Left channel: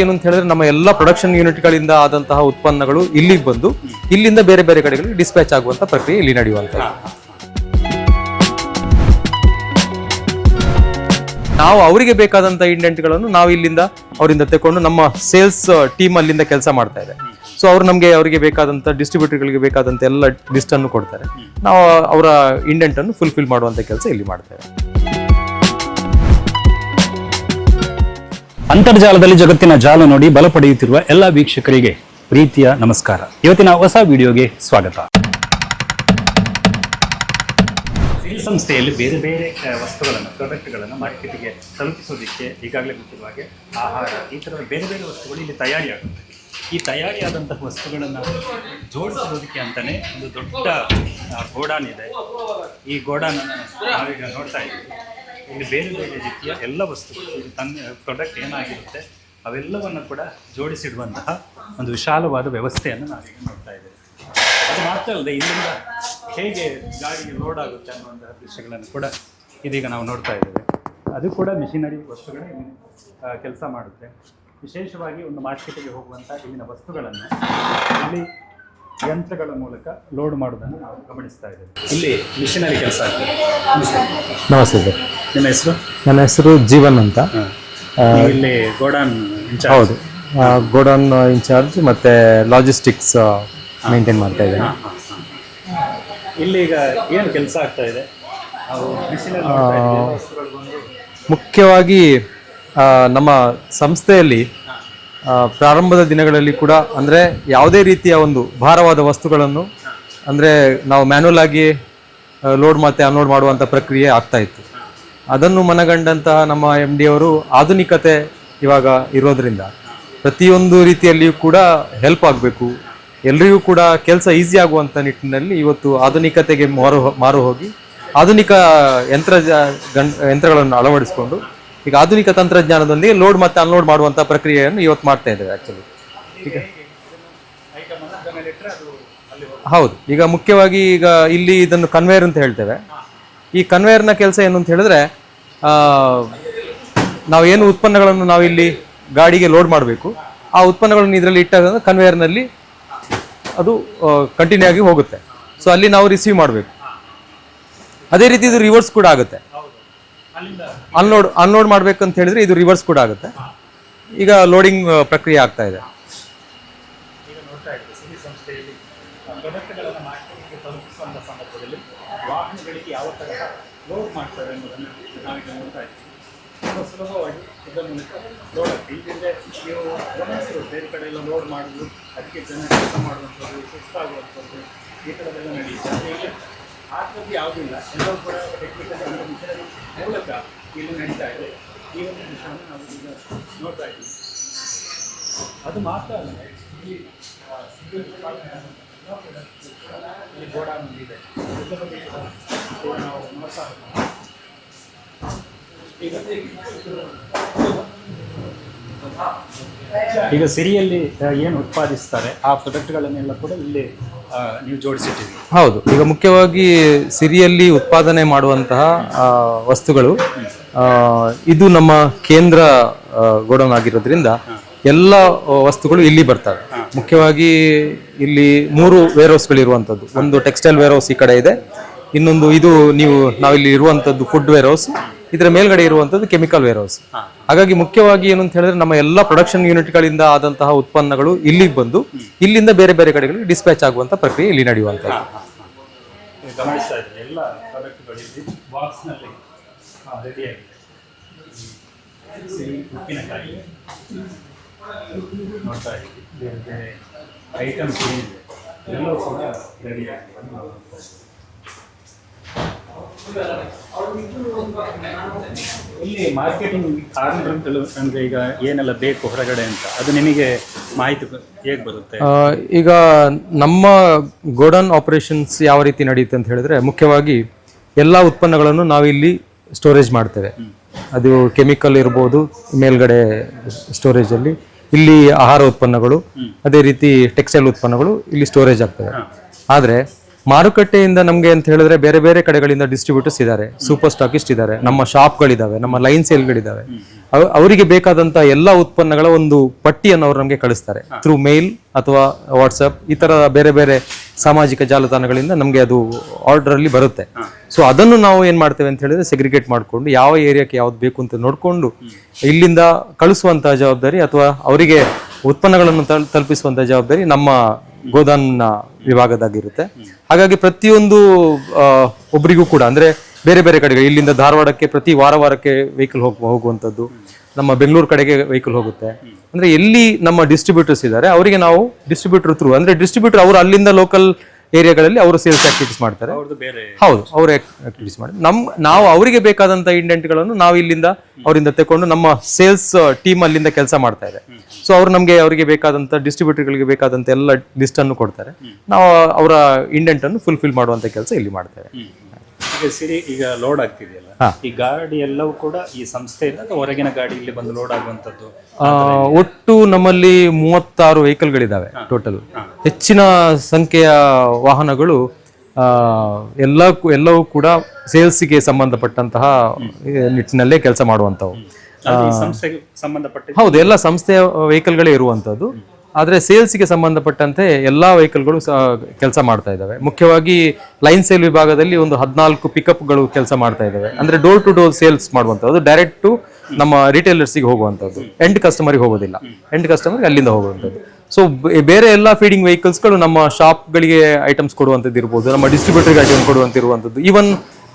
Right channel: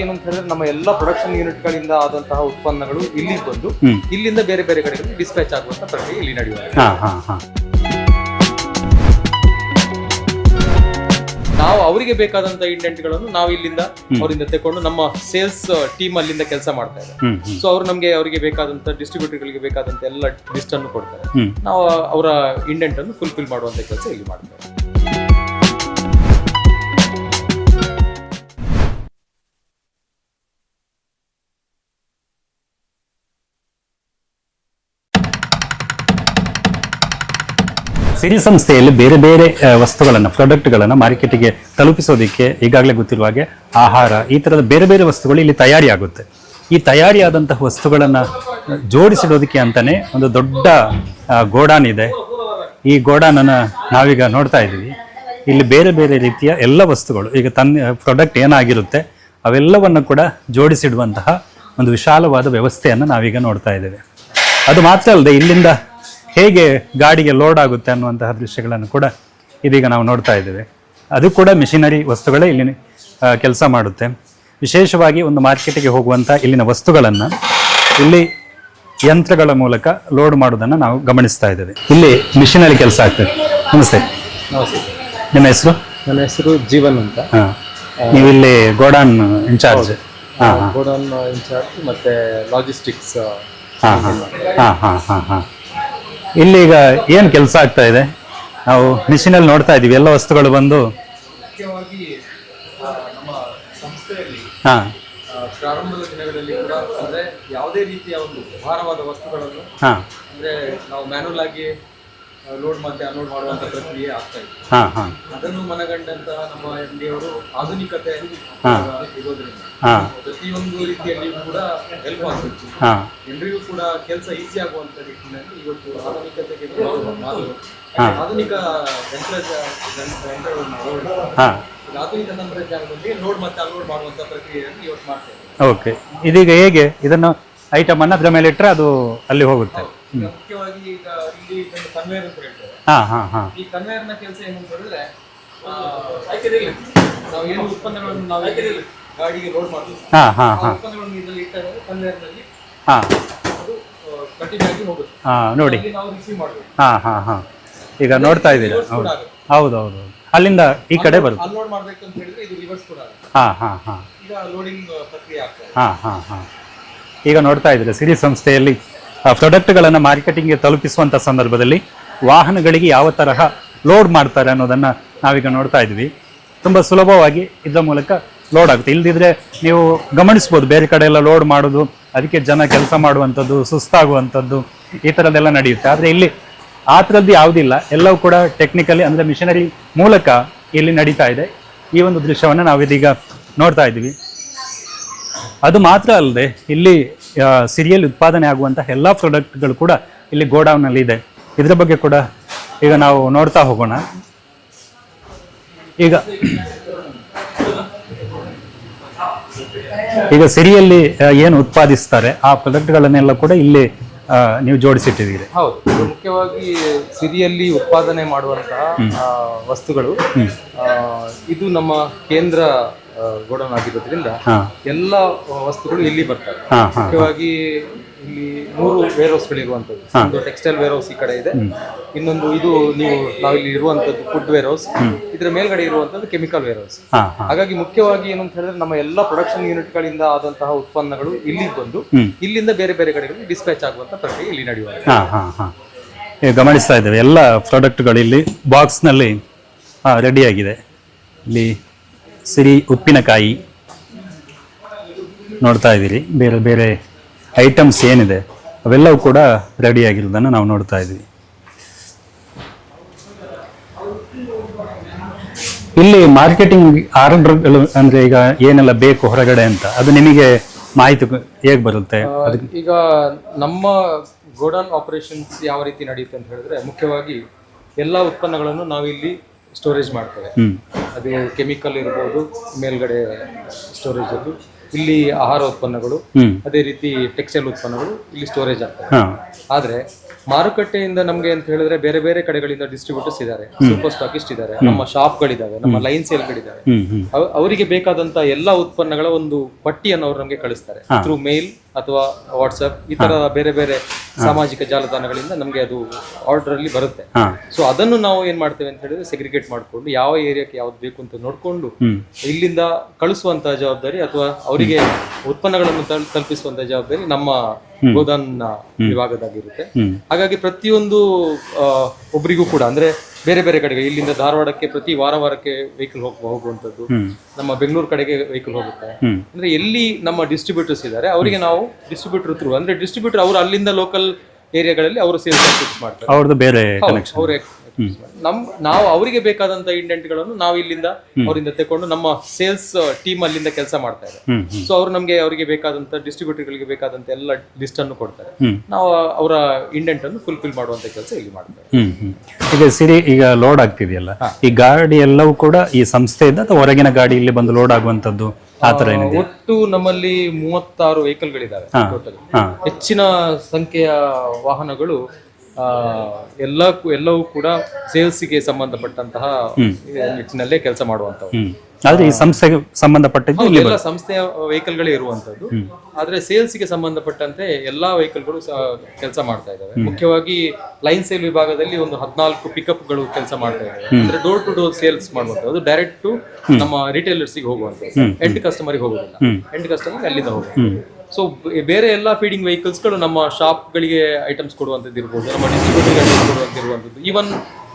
ಏನು ಅಂತ ಹೇಳಿದ್ರೆ ನಮ್ಮ ಎಲ್ಲ ಪ್ರೊಡಕ್ಷನ್ ಯೂನಿಟ್ಗಳಿಂದ ಆದಂತಹ ಉತ್ಪನ್ನಗಳು ಇಲ್ಲಿಗೆ ಬಂದು ಇಲ್ಲಿಂದ ಬೇರೆ ಬೇರೆ ಕಡೆಗಳಿಗೆ ಡಿಸ್ಪ್ಯಾಚ್ ಆಗುವಂತ ಪ್ರಕ್ರಿಯೆ ಇಲ್ಲಿ ನಡೆಯುವಂತ. ನಾವು ಅವರಿಗೆ ಬೇಕಾದಂತ ಇಂಡೆಂಟ್ಗಳನ್ನು ನಾವು ಇಲ್ಲಿಂದ ಅವರಿಂದ ತಕೊಂಡು ನಮ್ಮ ಸೇಲ್ಸ್ ಟೀಮ್ ಅಲ್ಲಿಂದ ಕೆಲಸ ಮಾಡ್ತಾ ಇದೆ. ಸೊ ಅವ್ರು ನಮ್ಗೆ ಅವರಿಗೆ ಬೇಕಾದಂತ ಡಿಸ್ಟ್ರಿಬ್ಯೂಟರ್ಗಳಿಗೆ ಬೇಕಾದಂತ ಎಲ್ಲ ಲಿಸ್ಟ್ ಅನ್ನು ಕೊಡ್ತಾರೆ. ನಾವು ಅವರ ಇಂಡೆಂಟ್ ಅನ್ನು ಫುಲ್ಫಿಲ್ ಮಾಡುವಂತ ಕೆಲಸ ಇಲ್ಲಿ ಮಾಡ್ತೇವೆ. ಅಂತರ್ಜಾಲದಲ್ಲಿ ಜಗತ್ತಿನ ಜಾಲ ನೋಡಿ ಬಲ ಪಡೆಯುತ್ತಿರುವ ಎಲ್ಲ ವೀಕ್ಷಕರಿಗೆ ಪ್ರೀತಿಯ ನಮಸ್ಕಾರ. ಇವತ್ತಿನ ಹೊಸ ವಿಡಿಯೋಗೆ ಸ್ವಾಗತ. ಸಿರಿ ಸಂಸ್ಥೆಯಲ್ಲಿ ಬೇರೆ ಬೇರೆ ವಸ್ತುಗಳನ್ನು ಪ್ರಾಡಕ್ಟ್ಗಳನ್ನು ಮಾರ್ಕೆಟಿಗೆ ತಲುಪಿಸೋದಕ್ಕೆ ಈಗಾಗಲೇ ಗೊತ್ತಿರುವ ಹಾಗೆ ಆಹಾರ ಈ ಥರದ ಬೇರೆ ಬೇರೆ ವಸ್ತುಗಳು ಇಲ್ಲಿ ತಯಾರಿಯಾಗುತ್ತೆ. ಈ ತಯಾರಿಯಾದಂತಹ ವಸ್ತುಗಳನ್ನು ಜೋಡಿಸಿಡೋದಕ್ಕೆ ಅಂತಲೇ ಒಂದು ದೊಡ್ಡ ಗೋಡಾನ್ ಇದೆ. ಈ ಗೋಡಾನನ್ನು ನಾವೀಗ ನೋಡ್ತಾ ಇದ್ದೀವಿ. ಇಲ್ಲಿ ಬೇರೆ ಬೇರೆ ರೀತಿಯ ಎಲ್ಲ ವಸ್ತುಗಳು ಈಗ ಪ್ರಾಡಕ್ಟ್ ಏನಾಗಿರುತ್ತೆ ಅವೆಲ್ಲವನ್ನು ಕೂಡ ಜೋಡಿಸಿಡುವಂತಹ ಒಂದು ವಿಶಾಲವಾದ ವ್ಯವಸ್ಥೆಯನ್ನು ನಾವೀಗ ನೋಡ್ತಾ ಇದ್ದೇವೆ. ಅದು ಮಾತ್ರ ಅಲ್ಲದೆ ಇಲ್ಲಿಂದ ಹೇಗೆ ಗಾಡಿಗೆ ಲೋಡ್ ಆಗುತ್ತೆ ಅನ್ನುವಂತಹ ದೃಶ್ಯಗಳನ್ನು ಕೂಡ ಇದೀಗ ನಾವು ನೋಡ್ತಾ ಇದ್ದೇವೆ. ಅದು ಕೂಡ ಮಿಷಿನರಿ ವಸ್ತುಗಳೇ ಇಲ್ಲಿ ಕೆಲಸ ಮಾಡುತ್ತೆ. ವಿಶೇಷವಾಗಿ ಒಂದು ಮಾರ್ಕೆಟಿಗೆ ಹೋಗುವಂಥ ಇಲ್ಲಿನ ವಸ್ತುಗಳನ್ನು ಇಲ್ಲಿ ಯಂತ್ರಗಳ ಮೂಲಕ ಲೋಡ್ ಮಾಡೋದನ್ನು ನಾವು ಗಮನಿಸ್ತಾ ಇದ್ದೇವೆ. ಇಲ್ಲಿ ಮಿಷಿನರಿ ಕೆಲಸ ಆಗ್ತದೆ. ನಮಸ್ತೆ. ನಮಸ್ತೆ. ನಿಮ್ಮ ಹೆಸರು? ನನ್ನ ಹೆಸರು ಜೀವನ್ ಅಂತ. ನೀವು ಇಲ್ಲಿ ಗೋಡಾನ್ ಇನ್ಚಾರ್ಜ್? ಗೋಡಾನ್ ಇನ್ಚಾರ್ಜ್ ಮತ್ತೆ ಲಾಜಿಸ್ಟಿಕ್ಸ್ ಮೇಂಟೈನ್ ಮಾಡ್ತಾ ಇದ್ದೀವಿ. ಇಲ್ಲಿ ಈಗ ಏನು ಕೆಲಸ ಆಗ್ತಾ ಇದೆ? ನಾವು ಮಿಷಿನಲ್ಲಿ ನೋಡ್ತಾ ಇದ್ದೀವಿ ಎಲ್ಲ ವಸ್ತುಗಳು ಬಂದು. ಮುಖ್ಯವಾಗಿ ನಮ್ಮ ಸಂಸ್ಥೆಯಲ್ಲಿ ಪ್ರಾರಂಭದ ದಿನಗಳಲ್ಲಿ ಕೂಡ ಅಂದ್ರೆ ಯಾವುದೇ ರೀತಿಯ ಒಂದು ಭಾರವಾದ ವಸ್ತುಗಳನ್ನು ಅಂದ್ರೆ ನಾವು ಮ್ಯಾನ್ಯುವಲ್ ಆಗಿ ಲೋಡ್ ಮತ್ತೆ ಅನ್ಲೋಡ್ ಮಾಡುವಂತ ಪ್ರಕ್ರಿಯೆ ಆಗ್ತಾ ಇತ್ತು. ಅದನ್ನು ಮನಗಂಡಂತಹ ನಮ್ಮ MD ಅವರು ಆಧುನಿಕತೆ ಇವಾಗ ಇರೋದ್ರಿಂದ ಪ್ರತಿಯೊಂದು ರೀತಿಯಲ್ಲಿಯೂ ಕೂಡ ಹೆಲ್ಪ್ ಆಗ್ಬೇಕು, ಎಲ್ರಿಗೂ ಕೂಡ ಕೆಲಸ ಈಸಿ ಆಗುವಂತ ನಿಟ್ಟಿನಲ್ಲಿ ಇವತ್ತು ಆಧುನಿಕತೆಗೆ ಮಾರು ಹೋಗಿ ಆಧುನಿಕ ಯಂತ್ರಗಳನ್ನು ಅಳವಡಿಸಿಕೊಂಡು ಈಗ ಆಧುನಿಕ ತಂತ್ರಜ್ಞಾನದೊಂದಿಗೆ ಲೋಡ್ ಮತ್ತೆ ಅನ್ಲೋಡ್ ಮಾಡುವಂತ ಪ್ರಕ್ರಿಯೆಯನ್ನು ಇವತ್ತು ಮಾಡ್ತಾ ಇದ್ದೇವೆ. ಓಕೆ, ಇದೀಗ ಹೇಗೆ ಇದನ್ನು ಐಟಮ್ ಅನ್ನ ಅದ್ರ ಮೇಲೆ ಇಟ್ಟರೆ ಅದು ಅಲ್ಲಿ ಹೋಗುತ್ತೆ? ಹೌದು. ಈಗ ಮುಖ್ಯವಾಗಿ ಈಗ ಇಲ್ಲಿ ಇದನ್ನು ಕನ್ವೇಯರ್ ಅಂತ ಹೇಳ್ತೇವೆ. ಈ ಕನ್ವೇಯರ್ ನ ಕೆಲಸ ಏನು ಅಂತ ಹೇಳಿದ್ರೆ ನಾವೇನು ಉತ್ಪನ್ನಗಳನ್ನು ನಾವು ಇಲ್ಲಿ ಗಾಡಿಗೆ ಲೋಡ್ ಮಾಡಬೇಕು ಆ ಉತ್ಪನ್ನಗಳನ್ನು ಇದರಲ್ಲಿ ಇಟ್ಟಾಗ ಕನ್ವೇಯರ್ ನಲ್ಲಿ ಅದು ಕಂಟಿನ್ಯೂ ಆಗಿ ಹೋಗುತ್ತೆ. ಅಲ್ಲಿ ನಾವು ರಿಸೀವ್ ಮಾಡಬೇಕು. ಅದೇ ರೀತಿ ರಿವರ್ಸ್ ಕೂಡ ಆಗುತ್ತೆ. ಹೌದೌದು. ಅಲ್ಲಿಂದ ಅನ್ಲೋಡ್ ಮಾಡ್ಬೇಕಂತ ಹೇಳಿದ್ರೆ ಇದು ರಿವರ್ಸ್ ಕೂಡ ಆಗುತ್ತೆ. ಈಗ ಲೋಡಿಂಗ್ ಪ್ರಕ್ರಿಯೆ ಆಗ್ತಾ ಇದೆ. ಈಗ ನೋಡ್ತಾ ಇದ್ರೆ ಸಿರಿ ಸಂಸ್ಥೆಯಲ್ಲಿ ಪ್ರಾಡಕ್ಟ್ಗಳನ್ನು ಮಾರ್ಕೆಟಿಂಗ್ಗೆ ತಲುಪಿಸುವಂಥ ಸಂದರ್ಭದಲ್ಲಿ ವಾಹನಗಳಿಗೆ ಯಾವ ತರಹ ಲೋಡ್ ಮಾಡ್ತಾರೆ ಅನ್ನೋದನ್ನು ನಾವೀಗ ನೋಡ್ತಾ ಇದ್ವಿ. ತುಂಬ ಸುಲಭವಾಗಿ ಇದರ ಮೂಲಕ ಲೋಡ್ ಆಗುತ್ತೆ. ಇಲ್ದಿದ್ರೆ ನೀವು ಗಮನಿಸ್ಬೋದು ಬೇರೆ ಕಡೆ ಎಲ್ಲ ಲೋಡ್ ಮಾಡೋದು, ಅದಕ್ಕೆ ಜನ ಕೆಲಸ ಮಾಡುವಂಥದ್ದು, ಸುಸ್ತಾಗುವಂಥದ್ದು ಈ ಥರದ್ದೆಲ್ಲ ನಡೆಯುತ್ತೆ. ಆದರೆ ಇಲ್ಲಿ ಆ ಥರದ್ದು ಯಾವುದಿಲ್ಲ. ಎಲ್ಲವೂ ಕೂಡ ಟೆಕ್ನಿಕಲಿ ಅಂದರೆ ಮಿಷನರಿ ಮೂಲಕ ಇಲ್ಲಿ ನಡೀತಾ ಇದೆ. ಈ ಒಂದು ದೃಶ್ಯವನ್ನು ನಾವಿದೀಗ ನೋಡ್ತಾ ಇದ್ದೀವಿ. ಅದು ಮಾತ್ರ ಅಲ್ಲದೆ ಇಲ್ಲಿ ಸಿರಿಯಲ್ಲಿ ಉತ್ಪಾದನೆ ಆಗುವಂತಹ ಎಲ್ಲ ಪ್ರಾಡಕ್ಟ್ಗಳು ಕೂಡ ಇಲ್ಲಿ ಗೋಡೌನಲ್ಲಿ ಇದೆ. ಇದರ ಬಗ್ಗೆ ಕೂಡ ಈಗ ನಾವು ನೋಡ್ತಾ ಹೋಗೋಣ. ಈಗ ಸಿರಿಯಲ್ಲಿ ಏನು ಉತ್ಪಾದಿಸ್ತಾರೆ ಆ ಪ್ರಾಡಕ್ಟ್ಗಳನ್ನೆಲ್ಲ ಕೂಡ ಇಲ್ಲಿ ನೀವು ಜೋಡಿಸಿಟ್ಟಿದ್ದೀರಿ. ಹೌದು. ಈಗ ಮುಖ್ಯವಾಗಿ ಸಿರಿಯಲ್ಲಿ ಉತ್ಪಾದನೆ ಮಾಡುವಂತಹ ವಸ್ತುಗಳು ಇದು ನಮ್ಮ ಕೇಂದ್ರ ಗೋಡೌನ್ ಆಗಿರೋದ್ರಿಂದ ಎಲ್ಲ ವಸ್ತುಗಳು ಇಲ್ಲಿ ಬರ್ತವೆ. ಮುಖ್ಯವಾಗಿ ಇಲ್ಲಿ 3 ವೇರ್ ಹೌಸ್ ಗಳು ಇರುವಂತದ್ದು. ಒಂದು ಟೆಕ್ಸ್ಟೈಲ್ ವೇರ್ ಹೌಸ್ ಈ ಕಡೆ ಇದೆ, ಇನ್ನೊಂದು ಇದು ನಾವಿಲ್ಲಿ ಇರುವಂತದ್ದು ಫುಡ್ ವೇರ್ ಹೌಸ್, ಇದರ ಮೇಲ್ಗಡೆ ಇರುವಂತದ್ದು ಕೆಮಿಕಲ್ ವೇರ್ ಹೌಸ್. ಹಾಗಾಗಿ ಮುಖ್ಯವಾಗಿ ಏನು ಅಂತ ಹೇಳಿದ್ರೆ ನಮ್ಮ ಎಲ್ಲಾ ಪ್ರೊಡಕ್ಷನ್ ಯೂನಿಟ್ ಗಳಿಂದ ಆದಂತಹ ಉತ್ಪನ್ನಗಳು ಇಲ್ಲಿಗೆ ಬಂದು ಇಲ್ಲಿಂದ ಬೇರೆ ಬೇರೆ ಕಡೆಗಳಿಗೆ ಡಿಸ್ಪ್ಯಾಚ್ ಆಗುವಂತ ಪ್ರಕ್ರಿಯೆ ಇಲ್ಲಿ ನಡೆಯುವಂತ. ಗಮನಿಸ್ತಾ ಇದ್ದೇವೆ ಎಲ್ಲ ಪ್ರಾಡಕ್ಟ್ಗಳು ಇಲ್ಲಿ ಬಾಕ್ಸ್ ನಲ್ಲಿ ರೆಡಿ ಆಗಿದೆ. ಇಲ್ಲಿ ಸಿರಿ ಉಪ್ಪಿನಕಾಯಿ ನೋಡ್ತಾ ಇದ್ದೀರಿ. ಬೇರೆ ಬೇರೆ ಐಟಮ್ಸ್ ಏನಿದೆ ಅವೆಲ್ಲವೂ ಕೂಡ ರೆಡಿ ಆಗಿರೋದನ್ನು ನಾವು ನೋಡ್ತಾ ಇದ್ದೀವಿ. ಇಲ್ಲಿ ಮಾರ್ಕೆಟಿಂಗ್ ಆರ್ಡರ್ಗಳು ಅಂದ್ರೆ ಈಗ ಏನೆಲ್ಲ ಬೇಕು ಹೊರಗಡೆ ಅಂತ ಅದು ನಿಮಗೆ ಮಾಹಿತಿ ಹೇಗೆ ಬರುತ್ತೆ? ಈಗ ನಮ್ಮ ಗೋಡೌನ್ ಆಪರೇಷನ್ಸ್ ಯಾವ ರೀತಿ ನಡೆಯುತ್ತೆ ಅಂತ ಹೇಳಿದ್ರೆ ಮುಖ್ಯವಾಗಿ ಎಲ್ಲಾ ಉತ್ಪನ್ನಗಳನ್ನು ನಾವಿಲ್ಲಿ ಸ್ಟೋರೇಜ್ ಮಾಡ್ತೇವೆ. ಅದು ಕೆಮಿಕಲ್ ಇರ್ಬೋದು ಮೇಲ್ಗಡೆ ಸ್ಟೋರೇಜ್ ಅಲ್ಲಿ, ಇಲ್ಲಿ ಆಹಾರ ಉತ್ಪನ್ನಗಳು, ಅದೇ ರೀತಿ ಟೆಕ್ಸ್ಟೈಲ್ ಉತ್ಪನ್ನಗಳು ಇಲ್ಲಿ ಸ್ಟೋರೇಜ್ ಆಗ್ತವೆ. ಆದ್ರೆ ಮಾರುಕಟ್ಟೆಯಿಂದ ನಮ್ಗೆ ಅಂತ ಹೇಳಿದ್ರೆ ಬೇರೆ ಬೇರೆ ಕಡೆಗಳಿಂದ ಡಿಸ್ಟ್ರಿಬ್ಯೂಟರ್ಸ್ ಇದ್ದಾರೆ, ಸೂಪರ್ ಸ್ಟಾಕಿಸ್ಟ್ ಇದ್ದಾರೆ, ನಮ್ಮ ಶಾಪ್ಗಳಿದಾವೆ, ನಮ್ಮ ಲೈನ್ ಸೇಲ್ಗಳಿದಾವೆ. ಅವರಿಗೆ ಬೇಕಾದಂತ ಎಲ್ಲಾ ಉತ್ಪನ್ನಗಳ ಒಂದು ಪಟ್ಟಿಯನ್ನು ಅವರು ನಮ್ಗೆ ಕಳಿಸ್ತಾರೆ ಥ್ರೂ ಮೇಲ್ ಅಥವಾ ವಾಟ್ಸ್ಆಪ್ ಈ ತರ ಬೇರೆ ಬೇರೆ ಸಾಮಾಜಿಕ ಜಾಲತಾಣಗಳಿಂದ ನಮ್ಗೆ ಅದು ಆರ್ಡರ್ ಅಲ್ಲಿ ಬರುತ್ತೆ. ಸೊ ಅದನ್ನು ನಾವು ಏನ್ ಮಾಡ್ತೇವೆ ಅಂತ ಹೇಳಿದ್ರೆ ಸೆಗ್ರಿಗೇಟ್ ಮಾಡ್ಕೊಂಡು ಯಾವ ಏರಿಯಾಕ್ಕೆ ಯಾವ್ದು ಬೇಕು ಅಂತ ನೋಡ್ಕೊಂಡು ಇಲ್ಲಿಂದ ಕಳಿಸುವಂತಹ ಜವಾಬ್ದಾರಿ ಅಥವಾ ಅವರಿಗೆ ಉತ್ಪನ್ನಗಳನ್ನು ತಲುಪಿಸುವಂತಹ ಜವಾಬ್ದಾರಿ ನಮ್ಮ ಗೋದಾನ್ ವಿಭಾಗದಾಗಿರುತ್ತೆ. ಹಾಗಾಗಿ ಪ್ರತಿಯೊಂದು ಒಬ್ಬರಿಗೂ ಕೂಡ ಅಂದ್ರೆ ಬೇರೆ ಬೇರೆ ಕಡೆಗೆ ಇಲ್ಲಿಂದ ಧಾರವಾಡಕ್ಕೆ ಪ್ರತಿ ವಾರಕ್ಕೆ ವೆಹಿಕಲ್ ಹೋಗುವಂತದ್ದು, ನಮ್ಮ ಬೆಂಗಳೂರು ಕಡೆಗೆ ವೆಹಿಕಲ್ ಹೋಗುತ್ತೆ. ಅಂದ್ರೆ ಎಲ್ಲಿ ನಮ್ಮ ಡಿಸ್ಟ್ರಿಬ್ಯೂಟರ್ಸ್ ಇದ್ದಾರೆ ಅವರಿಗೆ ನಾವು ಡಿಸ್ಟ್ರಿಬ್ಯೂಟರ್ ಥ್ರೂ ಅಂದ್ರೆ ಡಿಸ್ಟ್ರಿಬ್ಯೂಟರ್ ಅವರು ಅಲ್ಲಿಂದ ಲೋಕಲ್ ಏರಿಯಾಗಳಲ್ಲಿ ಅವರು ಸೇಲ್ಸ್ ಆಕ್ಟಿವಿಟೀಸ್ ಮಾಡ್ತಾರೆ, ಅವ್ರದ್ದು ಬೇರೆ ಅವರೇ ಆಕ್ಟಿವಿಟೀಸ್ ಮಾಡಿ ನಾವು ಅವರಿಗೆ ಬೇಕಾದಂತ ಇಂಡೆಂಟ್ಗಳನ್ನು ನಾವು ಇಲ್ಲಿಂದ ಅವರಿಂದ ತಕೊಂಡು ನಮ್ಮ ಸೇಲ್ಸ್ ಟೀಮ್ ಅಲ್ಲಿಂದ ಕೆಲಸ ಮಾಡ್ತಾ ಇದೆ. ಸೊ ಅವ್ರು ನಮ್ಗೆ ಅವರಿಗೆ ಬೇಕಾದಂತ ಡಿಸ್ಟ್ರಿಬ್ಯೂಟರ್ಗಳಿಗೆ ಬೇಕಾದಂತ ಎಲ್ಲ ಲಿಸ್ಟ್ ಅನ್ನು ಕೊಡ್ತಾರೆ, ನಾವು ಅವರ ಇಂಡೆಂಟ್ ಅನ್ನು ಫುಲ್ಫಿಲ್ ಮಾಡುವಂತ ಕೆಲಸ ಇಲ್ಲಿ ಮಾಡ್ತೇವೆ. ಈಗ ಸಿರಿ ಈಗ ಲೋಡ್ ಆಗ್ತಿದೆಯಲ್ಲ, ಈ ಗಾಡಿ ಎಲ್ಲವೂ ಕೂಡ ಈ ಸಂಸ್ಥೆಯಿಂದ ಅಥವಾ ಹೊರಗಿನ ಗಾಡಿ ಇಲ್ಲಿ ಬಂದು ಲೋಡ್ ಆಗುವಂತದ್ದು? ಒಟ್ಟು ನಮ್ಮಲ್ಲಿ 36 ವೆಹಿಕಲ್ಗಳಿದಾವೆ ಟೋಟಲ್. ಹೆಚ್ಚಿನ ಸಂಖ್ಯೆಯ ವಾಹನಗಳು ಎಲ್ಲವೂ ಕೂಡ ಸೇಲ್ಸ್ಗೆ ಸಂಬಂಧಪಟ್ಟಂತಹ ನಿಟ್ಟಿನಲ್ಲೇ ಕೆಲಸ ಮಾಡುವಂತವು. ಆದ್ರೆ ಈ ಸಂಸ್ಥೆಗೆ ಸಂಬಂಧಪಟ್ಟ ಹೌದು, ಎಲ್ಲ ಸಂಸ್ಥೆಯ ವೆಹಿಕಲ್ಗಳೇ ಇರುವಂತದ್ದು. ಆದ್ರೆ ಸೇಲ್ಸ್ಗೆ ಸಂಬಂಧಪಟ್ಟಂತೆ ಎಲ್ಲಾ ವೆಹಿಕಲ್ಗಳು ಕೆಲಸ ಮಾಡ್ತಾ ಇದಾವೆ. ಮುಖ್ಯವಾಗಿ ಲೈನ್ ಸೇಲ್ ವಿಭಾಗದಲ್ಲಿ ಒಂದು 14 ಪಿಕಪ್ಗಳು ಕೆಲಸ ಮಾಡ್ತಾ ಇದಾವೆ. ಅಂದ್ರೆ ಡೋರ್ ಟು ಡೋರ್ ಸೇಲ್ಸ್ ಮಾಡುವಂತದ್ದು, ಡೈರೆಕ್ಟ್ ಟು ನಮ್ಮ ರಿಟೇಲರ್ಸ್ ಗೆ ಹೋಗುವಂತದ್ದು, ಎಂಡ್ ಕಸ್ಟಮರ್ ಗೆ ಹೋಗೋದಿಲ್ಲ, ಎಂಡ್ ಕಸ್ಟಮರ್ ಅಲ್ಲಿಂದ ಹೋಗುವಂತದ್ದು. ಸೊ ಬೇರೆ ಎಲ್ಲಾ ಫೀಡಿಂಗ್ ವೆಹಿಕಲ್ಸ್ ಗಳು ನಮ್ಮ ಶಾಪ್ ಗಳಿಗೆ ಐಟಮ್ಸ್ ಕೊಡುವಂತದ್ದು ಇರ್ಬೋದು, ನಮ್ಮ ಡಿಸ್ಟ್ರಿಬ್ಯೂಟರ್ ಐಟಮ್ಸ್ ಕೊಡುವಂತಿರುವಂತದ್ದು. ಈವನ್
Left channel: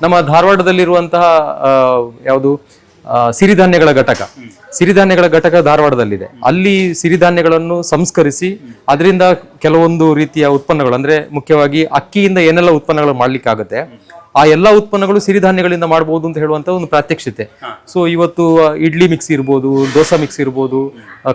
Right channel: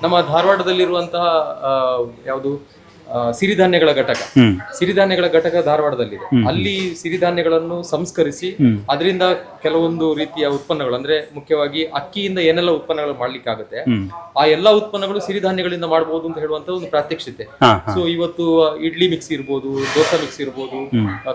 ನಮ್ಮ ಧಾರವಾಡದಲ್ಲಿರುವಂತಹ ಯಾವುದು ಸಿರಿಧಾನ್ಯಗಳ ಘಟಕ ಧಾರವಾಡದಲ್ಲಿದೆ. ಅಲ್ಲಿ ಸಿರಿಧಾನ್ಯಗಳನ್ನು ಸಂಸ್ಕರಿಸಿ ಅದರಿಂದ ಕೆಲವೊಂದು ರೀತಿಯ ಉತ್ಪನ್ನಗಳು ಅಂದ್ರೆ ಮುಖ್ಯವಾಗಿ ಅಕ್ಕಿಯಿಂದ ಏನೆಲ್ಲ ಉತ್ಪನ್ನಗಳು ಮಾಡ್ಲಿಕ್ಕೆ ಆಗುತ್ತೆ ಆ ಎಲ್ಲಾ ಉತ್ಪನ್ನಗಳು ಸಿರಿಧಾನ್ಯಗಳಿಂದ ಮಾಡಬಹುದು ಅಂತ ಹೇಳುವಂತ ಒಂದು ಪ್ರಾತ್ಯಕ್ಷಿತೆ. ಸೊ ಇವತ್ತು ಇಡ್ಲಿ ಮಿಕ್ಸ್ ಇರ್ಬೋದು, ದೋಸಾ ಮಿಕ್ಸ್ ಇರ್ಬೋದು,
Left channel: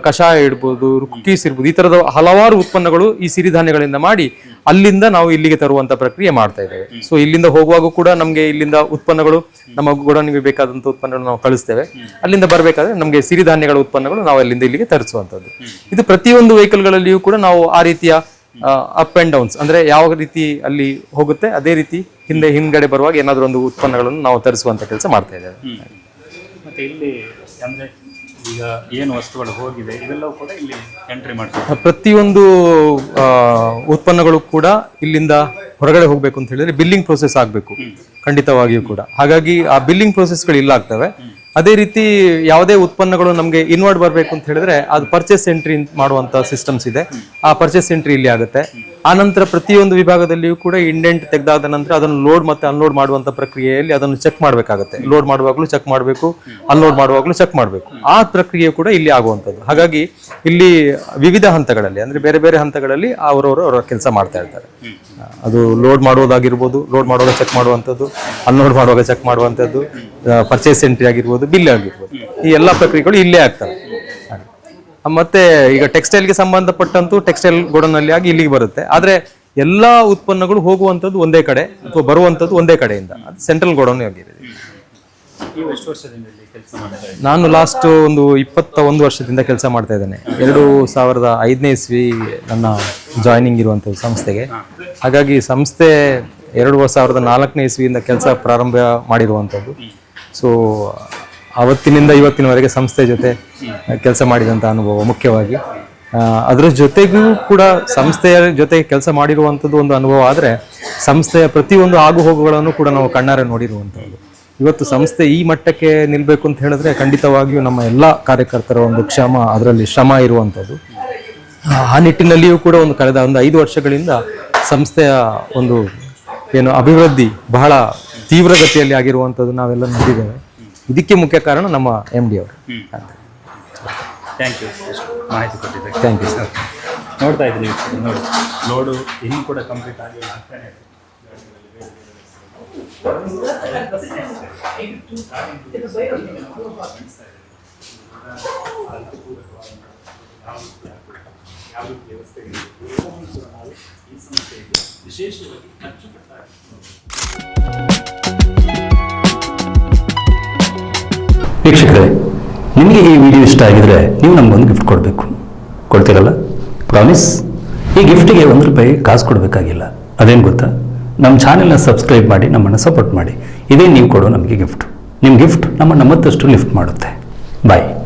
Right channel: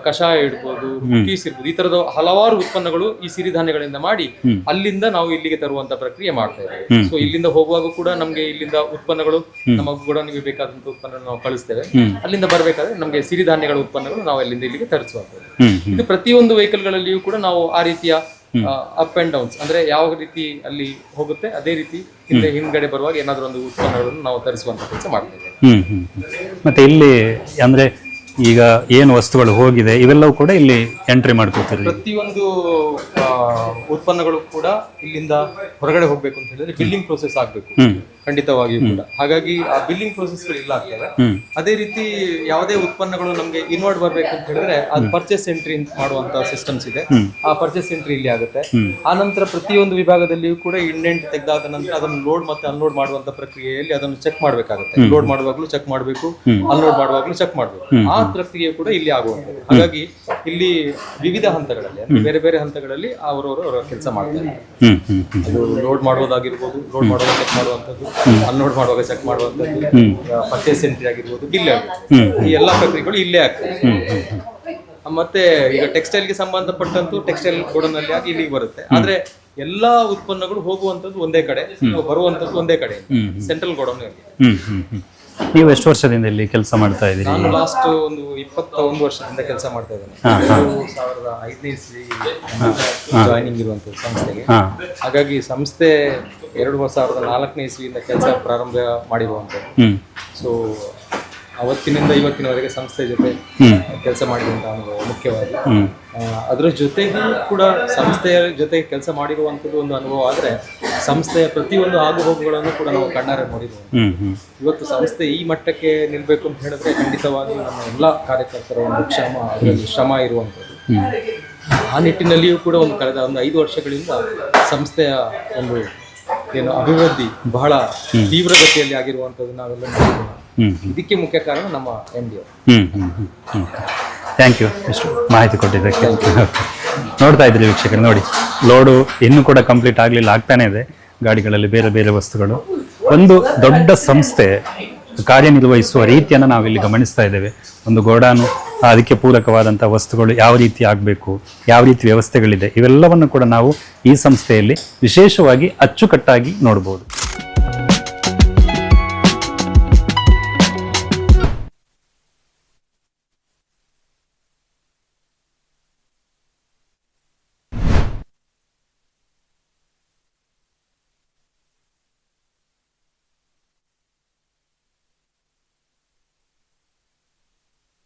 ಕಷಾಯ ಇರ್ಬೋದು, ಕುಕೀಸ್ ಇರ್ಬೋದು, ಈ ತರದ ಹಲವಾರು ಉತ್ಪನ್ನಗಳು ಈ ಸಿರಿಧಾನ್ಯಗಳಿಂದ ಮಾಡಿ ಅಲ್ಲಿಂದ ನಾವು ಇಲ್ಲಿಗೆ ತರುವಂತ ಪ್ರಕ್ರಿಯೆ ಮಾಡ್ತಾ ಇದ್ದೇವೆ. ಸೊ ಇಲ್ಲಿಂದ ಹೋಗುವಾಗ ಕೂಡ ನಮ್ಗೆ ಇಲ್ಲಿಂದ ಉತ್ಪನ್ನಗಳು ನಮ್ಮ ಗೋಡನಿಗೆ ಬೇಕಾದಂತ ಉತ್ಪನ್ನಗಳು ನಾವು ಕಳಿಸ್ತೇವೆ. ಅಲ್ಲಿಂದ ಬರ್ಬೇಕಾದ್ರೆ ನಮ್ಗೆ ಸಿರಿಧಾನ್ಯಗಳ ಉತ್ಪನ್ನಗಳು ನಾವು ಅಲ್ಲಿಂದ ಇಲ್ಲಿಗೆ ತರಿಸುವಂತದ್ದು. ಇದು ಪ್ರತಿಯೊಂದು ವೆಹಿಕಲ್ ಗಳಲ್ಲಿಯೂ ಕೂಡ ನಾವು ಆ ರೀತಿಯ ಅಪ್ ಅಂಡ್ ಡೌನ್ಸ್ ಅಂದ್ರೆ ಯಾವ ರೀತಿ ಅಲ್ಲಿ ಹೋಗುತ್ತೆ ಅದೇ ರೀತಿ ಹಿಂದ್ಗಡೆ ಬರುವಾಗ ಏನಾದ್ರೂ ಒಂದು ಉತ್ಪನ್ನಗಳನ್ನು ನಾವು ತರಿಸುವಂತ ಕೆಲಸ ಮಾಡ್ತಾ ಇದ್ದೇವೆ. ಮತ್ತೆ ಇಲ್ಲಿ ಅಂದ್ರೆ ಈಗ ಏನು ವಸ್ತುಗಳು ಹೋಗಿದೆ ಇವೆಲ್ಲವೂ ಕೂಡ ಇಲ್ಲಿ ಎಂಟ್ರಿ ಮಾಡ್ಕೊಳ್ತಾರೆ. ಪ್ರತಿಯೊಂದು ಉತ್ಪನ್ನಗಳು ಕೂಡ ಇಲ್ಲಿಂದ ಹೊರಗಡೆ ಹೋಗ್ಬೇಕು ಅಂತ ಹೇಳಿದ್ರೆ ಬಿಲ್ಲಿಂಗ್ ಪ್ರೋಸೆಸ್ ಆಗ್ಬೇಕು ಖಂಡಿತವಾಗಿಯೂ ಕೂಡ. ಹಾಗಾಗಿ ಆ ಬಿಲ್ಲಿಂಗ್ ಪ್ರೋಸೆಸ್ ಗಳು ಇಲ್ಲ ಆಗ್ತವೆ. ಅದೇ ರೀತಿ ಯಾವುದೇ ಉತ್ಪನ್ನಗಳು ನಮ್ಗೆ ಇನ್ವರ್ಡ್ ಬರ್ಬೇಕು ಅಂತ ಹೇಳಿದ್ರೆ ಅದು ಪರ್ಚೇಸ್ ಎಂಟ್ರಿ ಮಾಡುವಂತ ಸಿಸ್ಟಮ್ಸ್ ಇದೆ. ಆ ಪರ್ಚೇಸ್ ಎಂಟ್ರಿ ಇಲ್ಲಿ ಆಗುತ್ತೆ. ಆ ನಂತರ ಪ್ರತಿಯೊಂದು ವಿಭಾಗದಲ್ಲಿಯೂ ಕೂಡ ಇಂಡೆಂಟ್ ತೆಗೆದಾದ ನಂತರ ಅದನ್ನು ಲೋಡ್ ಮತ್ತೆ ಅನ್ಲೋಡ್ ಮಾಡುವಂತ ಪ್ರಕ್ರಿಯೆಯಲ್ಲಿ ಅದನ್ನು ಚೆಕ್ ಮಾಡ್ಬೇಕಾಗುತ್ತೆ. ಲೋಡ್ ಮಾಡುವಾಗ್ಲೂ ಚೆಕ್ ಮಾಡ್ಬೇಕು, ಅನ್ಲೋಡ್ ಮಾಡುವಾಗ್ಲೂ ಚೆಕ್ ಮಾಡ್ಬೇಕು. ಆ ಪ್ರಕ್ರಿಯೆ ಕೂಡ ಇಲ್ಲಿ ಆಗುವಂತದ್ದು. ಹಾಗಾಗಿ ಇಲ್ಲಿ ವಿವಿಧ ಹಂತಗಳಲ್ಲಿ ಅಂದ್ರೆ ಬೇರೆ ಬೇರೆ ಹಂತಗಳಲ್ಲಿ ಅವರ ಕೆಲಸ ಮಾಡ್ತಾ ಇರ್ತಾರೆ. ಅದು ಲೋಡ್ ಮಾಡುವುದಾಗಿರ್ಬೋದು, ಲೋಡ್ ಮಾಡುವಾಗ ಚೆಕ್ ಮಾಡುವಂತದ್ದು, ಅನ್ಲೋಡ್ ಮಾಡುವಾಗ ಚೆಕ್ ಮಾಡುವಂತದ್ದು, ಪರ್ಚೇಸ್ ಎಂಟ್ರಿ ಆಗಿರ್ಬೋದು, ಬಿಲ್ ಆಗಿರ್ಬೋದು, ಈ ಎಲ್ಲಾ ಪ್ರಕ್ರಿಯೆಗಳು ಇಲ್ಲೇ ಆಗ್ತವೆ. ಮತ್ತೆ ಈಗ ಟೆಕ್ಸ್ಟೈಲ್ ಗೆ ಸಂಬಂಧಪಟ್ಟಂತೂ ಟೆಕ್ಸ್ಟೈಲ್ ಗೋಡನಲ್ಲಿ ಆಗಿ ಇಲ್ಲಿಗೆ ಬರುತ್ತೆ. ಆದ್ರೆ ಎಲ್ಲಾ ಉತ್ಪನ್ನಗಳು ಹೋಗುವಂತದ್ದು ಒಂದೇ ಕಡೆ, ಬರುವಂತದ್ದು ಒಂದೇ ಕಡೆಯಿಂದ ಸೆಂಟ್ರಲ್ ಗೋಡನ್ ಆಗಿದೆ. ನೀವು ಎಷ್ಟು ವರ್ಷದಿಂದ ಇಲ್ಲಿ ಕೆಲಸ ಮಾಡ್ತಾ ಇದ್ದೀರಿ? ನಾನು ಲಾಸ್ಟ್ ಒಂದು 21 ವರ್ಷದಿಂದ ಕೆಲಸ ಮಾಡ್ತಾ ಇದ್ದೇನೆ. 2005ನೇ ಇಸ್ವಿ ನನ್ನ ಜಾಯ್ನಿಂಗ್ ಇರುವಂತದ್ದು ಸಂಸ್ಥೆಗೆ. ಹಾಗಾಗಿ ಸಂಸ್ಥೆ 2004ನೇ ಇಸ್ವಿಯಿಂದ ಕೆಲಸ ಪ್ರಾರಂಭ ಮಾಡಿರುವಂತದ್ದು. ಸೊ ಅವತ್ತಿನಿಂದ ಇವತ್ತಿನವರೆಗೆ ಸಂಸ್ಥೆ ಜೊತೆ ಕೆಲಸ ಮಾಡಿದಂತ ಅನುಭವ ಮುಖ್ಯವಾಗಿ. ಅದರ ಜೊತೆಗೂ ಕೂಡ ಸಂಸ್ಥೆಯ ಜೊತೆ ಕೆಲಸ ಮಾಡಿರುವಂತದ್ದು ಒಂದು ಅನುಭವ. ಆದ್ರೆ ಸಂಸ್ಥೆಯ ಪ್ರತಿಯೊಂದು ಆಗು ಹೋಗುಗಳನ್ನು ಕೂಡ ನಾವು ಕಣ್ಣಾರೆ ನೋಡಿರುವಂತದ್ದು. ಇವತ್ತು ಸಂಸ್ಥೆ ಈ ಮಟ್ಟಕ್ಕೆ ನಿಲ್ಬೇಕು ಅಂತ ಹೇಳಿದ್ರೆ ಖಂಡಿತವಾಗಿಯೂ ನಮ್ಮ ಎಲ್ಲಾ ಕಾರ್ಯಕರ್ತರ ಒಂದು ಅದರಲ್ಲಿ ಶ್ರಮ ಇರುವಂತದ್ದು. ಆ ನಿಟ್ಟಿನಲ್ಲಿಯೂ ಕೂಡ ಕಳೆದ 5 ವರ್ಷಗಳಿಂದ ಸಂಸ್ಥೆಯ ಒಂದು ಅಭಿವೃದ್ಧಿ ಬಹಳ ತೀವ್ರಗತಿಯಲ್ಲಿ ಆಗಿರುವಂತದ್ದು ನಾವೆಲ್ಲ ನೋಡಿದ್ದೇವೆ. ಇದಕ್ಕೆ ಮುಖ್ಯ ಕಾರಣ ನಮ್ಮ MD ಅವರು. ಥ್ಯಾಂಕ್ ಯು, ಎಷ್ಟು ಮಾಹಿತಿ ಕೊಟ್ಟಿದ್ದಕ್ಕೆ. Thank you. ನೋಡ್ತಾ ಇದ್ರಿ ವೀಕ್ಷಕರು, ನೋಡಿ ಲೋಡು ಇನ್ನೂ ಕೂಡ ಕಂಪ್ಲೀಟ್ ಆಗ್ತಾನೆ ಇದೆ. ಗಾಡಿಗಳಲ್ಲಿ ಬೇರೆ ಬೇರೆ ವಸ್ತುಗಳು. ಒಂದು ದೊಡ್ಡ ಸಂಸ್ಥೆ ಕಾರ್ಯನಿರ್ವಹಿಸುವ ರೀತಿಯನ್ನು ನಾವಿಲ್ಲಿ ಗಮನಿಸ್ತಾ ಇದ್ದೇವೆ. ಒಂದು ಗೋಡಾನು, ಅದಕ್ಕೆ ಪೂರಕವಾದಂಥ ವಸ್ತುಗಳು ಯಾವ ರೀತಿ ಆಗಬೇಕು, ಯಾವ ರೀತಿ ವ್ಯವಸ್ಥೆಗಳಿದೆ, ಇವೆಲ್ಲವನ್ನು ಕೂಡ ನಾವು ಈ ಸಂಸ್ಥೆಯಲ್ಲಿ ವಿಶೇಷವಾಗಿ ಅಚ್ಚುಕಟ್ಟಾಗಿ ನೋಡ್ಬೋದು. ವೀಕ್ಷಕರೇ, ನಿಮಗೆ ಈ ವಿಡಿಯೋ ಇಷ್ಟ ಆಗಿದ್ರೆ ನೀವು ನಮಗೊಂದು ಗಿಫ್ಟ್ ಕೊಡಬೇಕು. ಕೊಡ್ತೀರಲ್ಲ? ಪ್ರಾಮಿಸ್. ಈ ಗಿಫ್ಟಿಗೆ ₹1 ಕಾಸು ಕೊಡಬೇಕಾಗಿಲ್ಲ. ಅದೇನು ಗೊತ್ತಾ? ನಮ್ಮ ಚಾನೆಲ್ನ ಸಬ್ಸ್ಕ್ರೈಬ್ ಮಾಡಿ ನಮ್ಮನ್ನು ಸಪೋರ್ಟ್ ಮಾಡಿ. ಇದೇ ನೀವು ಕೊಡೋ ನಮಗೆ ಗಿಫ್ಟ್. ನಿಮ್ಮ ಗಿಫ್ಟ್ ನಮ್ಮನ್ನು ಮತ್ತಷ್ಟು ಲಿಫ್ಟ್ ಮಾಡುತ್ತೆ. ಬಾಯ್.